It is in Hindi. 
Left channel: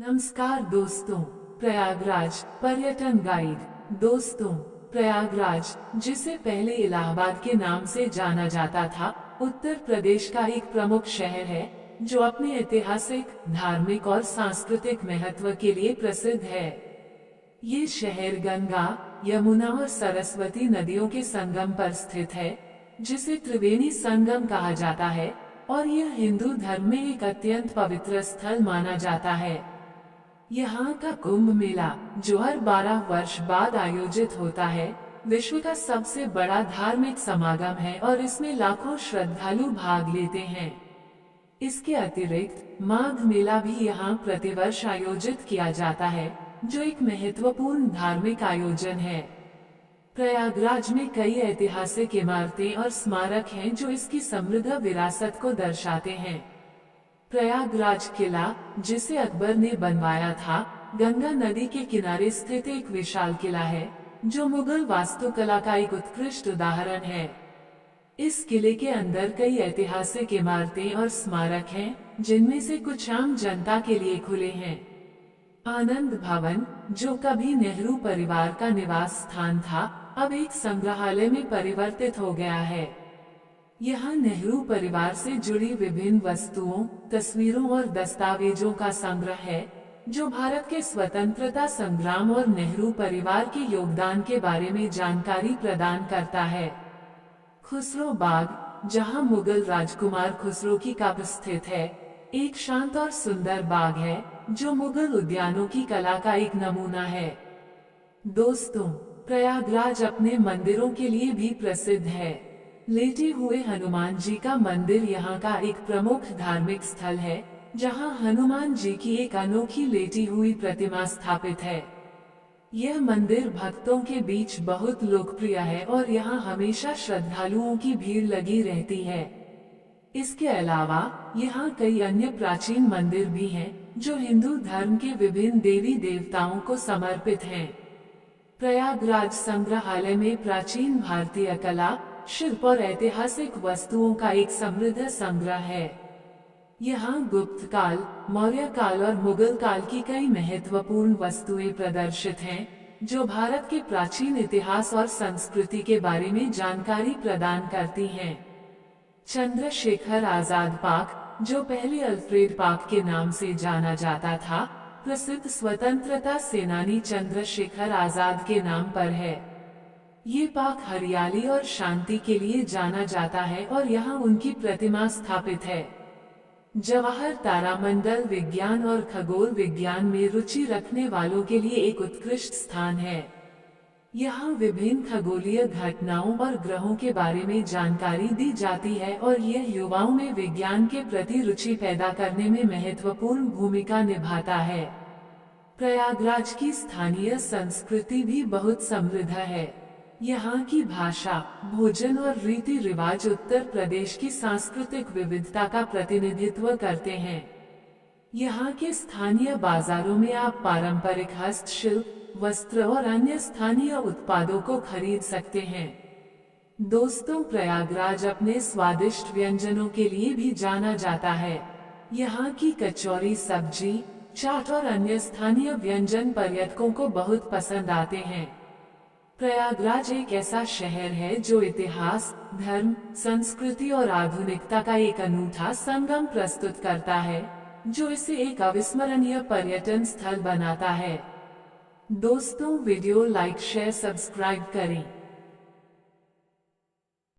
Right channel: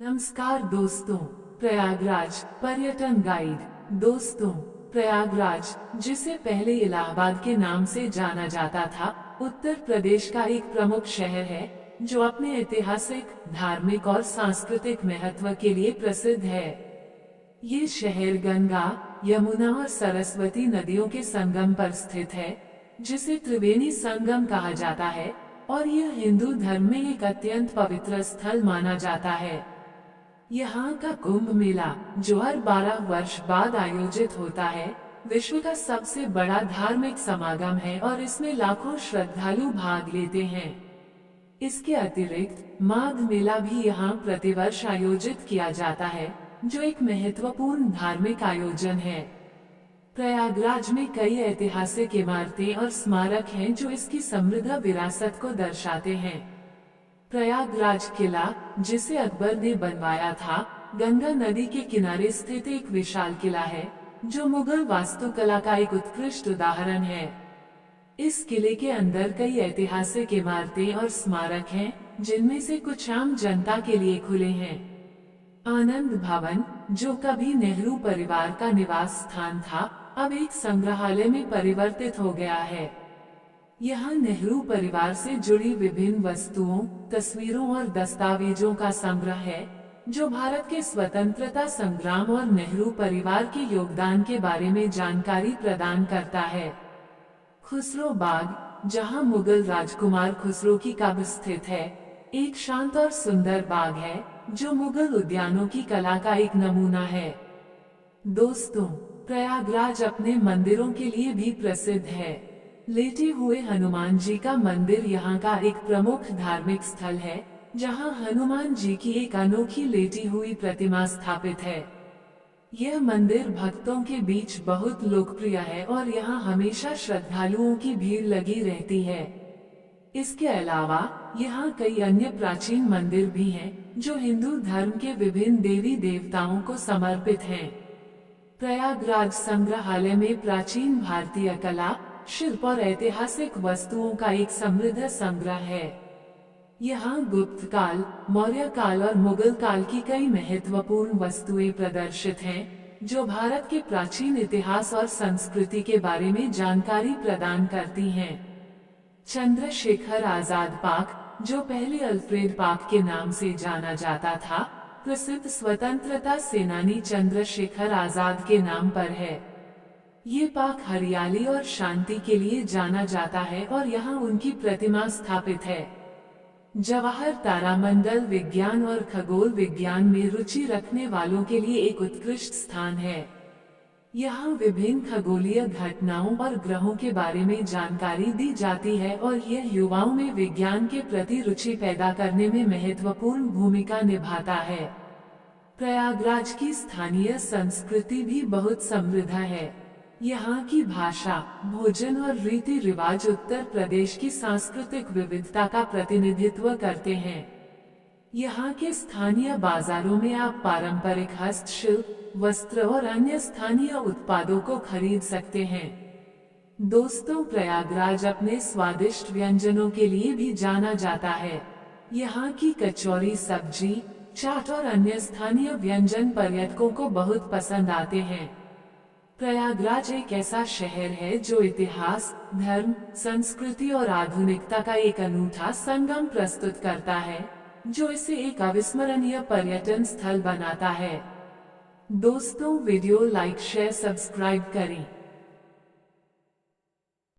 नमस्कार दोस्तों, प्रयागराज पर्यटन गाइड। दोस्तों, प्रयागराज, जिसे पहले इलाहाबाद के नाम से जाना जाता था, उत्तर प्रदेश का एक प्रमुख शहर है जो अपने ऐतिहासिक, धार्मिक और सांस्कृतिक महत्व के लिए प्रसिद्ध है। ये शहर गंगा, यमुना और सरस्वती नदियों के संगम पर स्थित है, जिसे त्रिवेणी संगम कहा जाता है, और यह हिंदू धर्म में एक अत्यंत पवित्र स्थल माना जाता है। यहाँ का कुंभ मेला, जो हर 12 वर्ष बाद आयोजित होता है, विश्व का सबसे बड़ा धार्मिक समागम है और इसमें लाखों श्रद्धालु भाग लेते हैं। इसके अतिरिक्त माघ मेला भी यहाँ प्रतिवर्ष आयोजित किया जाता है, जो एक महत्वपूर्ण धार्मिक आयोजन है। प्रयागराज में कई ऐतिहासिक इमारतें और स्मारक हैं जो इसकी समृद्ध विरासत को दर्शाते हैं। प्रयागराज किला, जिसे अकबर ने बनवाया था, गंगा नदी के किनारे स्थित एक विशाल किला है, जो मुगल वास्तुकला का एक उत्कृष्ट उदाहरण है। इस किले के अंदर कई ऐतिहासिक इमारतें और स्मारक हैं, जिनमें से कुछ आम जनता के लिए खुले हैं। आनंद भवन, जो कभी नेहरू परिवार का निवास स्थान था, अब एक संग्रहालय में परिवर्तित हो गया है। यहाँ नेहरू परिवार से जुड़ी विभिन्न वस्तुओं, तस्वीरों और दस्तावेजों का संग्रह है, जो भारत के स्वतंत्रता संग्राम और नेहरू परिवार के योगदान के बारे में जानकारी प्रदान करता है। खुसरो बाग, जहाँ मुगल राजकुमार खुसरो की कब्र स्थित है, एक शांत और सुंदर बाग है, जो मुगल उद्यानों की कला का एक नमूना है। दोस्तों, प्रयागराज अपने मंदिरों के लिए भी प्रसिद्ध है। लेटे हुए हनुमान जी का मंदिर यहाँ का एक प्रमुख धार्मिक स्थल है, जहाँ हनुमान जी की एक अनोखी लेटी हुई प्रतिमा स्थापित है। यह मंदिर भक्तों के बीच बहुत लोकप्रिय है और यहाँ हमेशा श्रद्धालुओं की भीड़ लगी रहती है। इसके अलावा यहाँ कई अन्य प्राचीन मंदिर भी हैं, जो हिंदू धर्म के विभिन्न देवी देवताओं को समर्पित हैं। प्रयागराज संग्रहालय में प्राचीन भारतीय कला, शिल्प और ऐतिहासिक वस्तुओं का एक समृद्ध संग्रह है। यहाँ गुप्त काल, मौर्य काल और मुगल काल की कई महत्वपूर्ण वस्तुएं प्रदर्शित हैं, जो भारत के प्राचीन इतिहास और संस्कृति के बारे में जानकारी प्रदान करती हैं। चंद्रशेखर आजाद पार्क, जो पहले अल्फ्रेड पार्क के नाम से जाना जाता था, प्रसिद्ध स्वतंत्रता सेनानी चंद्रशेखर आजाद के नाम पर है। ये पार्क हरियाली और शांति के लिए जाना जाता है और यहाँ उनकी प्रतिमा स्थापित है। जवाहर तारामंडल विज्ञान और खगोल विज्ञान में रुचि रखने वालों के लिए एक उत्कृष्ट स्थान है। यहाँ विभिन्न खगोलीय घटनाओं और ग्रहों के बारे में जानकारी दी जाती है और यह युवाओं में विज्ञान के प्रति रुचि पैदा करने में महत्वपूर्ण भूमिका निभाता है। प्रयागराज की स्थानीय संस्कृति भी बहुत समृद्ध है। यहाँ की भाषा, भोजन और रीति रिवाज उत्तर प्रदेश की सांस्कृतिक विविधता का प्रतिनिधित्व करते हैं। यहाँ के स्थानीय बाजारों में आप पारंपरिक हस्तशिल्प, वस्त्र और अन्य स्थानीय उत्पादों को खरीद सकते हैं। दोस्तों, प्रयागराज अपने स्वादिष्ट व्यंजनों के लिए भी जाना जाता है। यहाँ की कचौरी, सब्जी, चाट और अन्य स्थानीय व्यंजन पर्यटकों को बहुत पसंद आते हैं। प्रयागराज एक ऐसा शहर है जो इतिहास, धर्म, संस्कृति और आधुनिकता का एक अनूठा संगम प्रस्तुत करता है, जो इसे एक अविस्मरणीय पर्यटन स्थल बनाता है। दोस्तों, वीडियो लाइक, शेयर, सब्सक्राइब करें।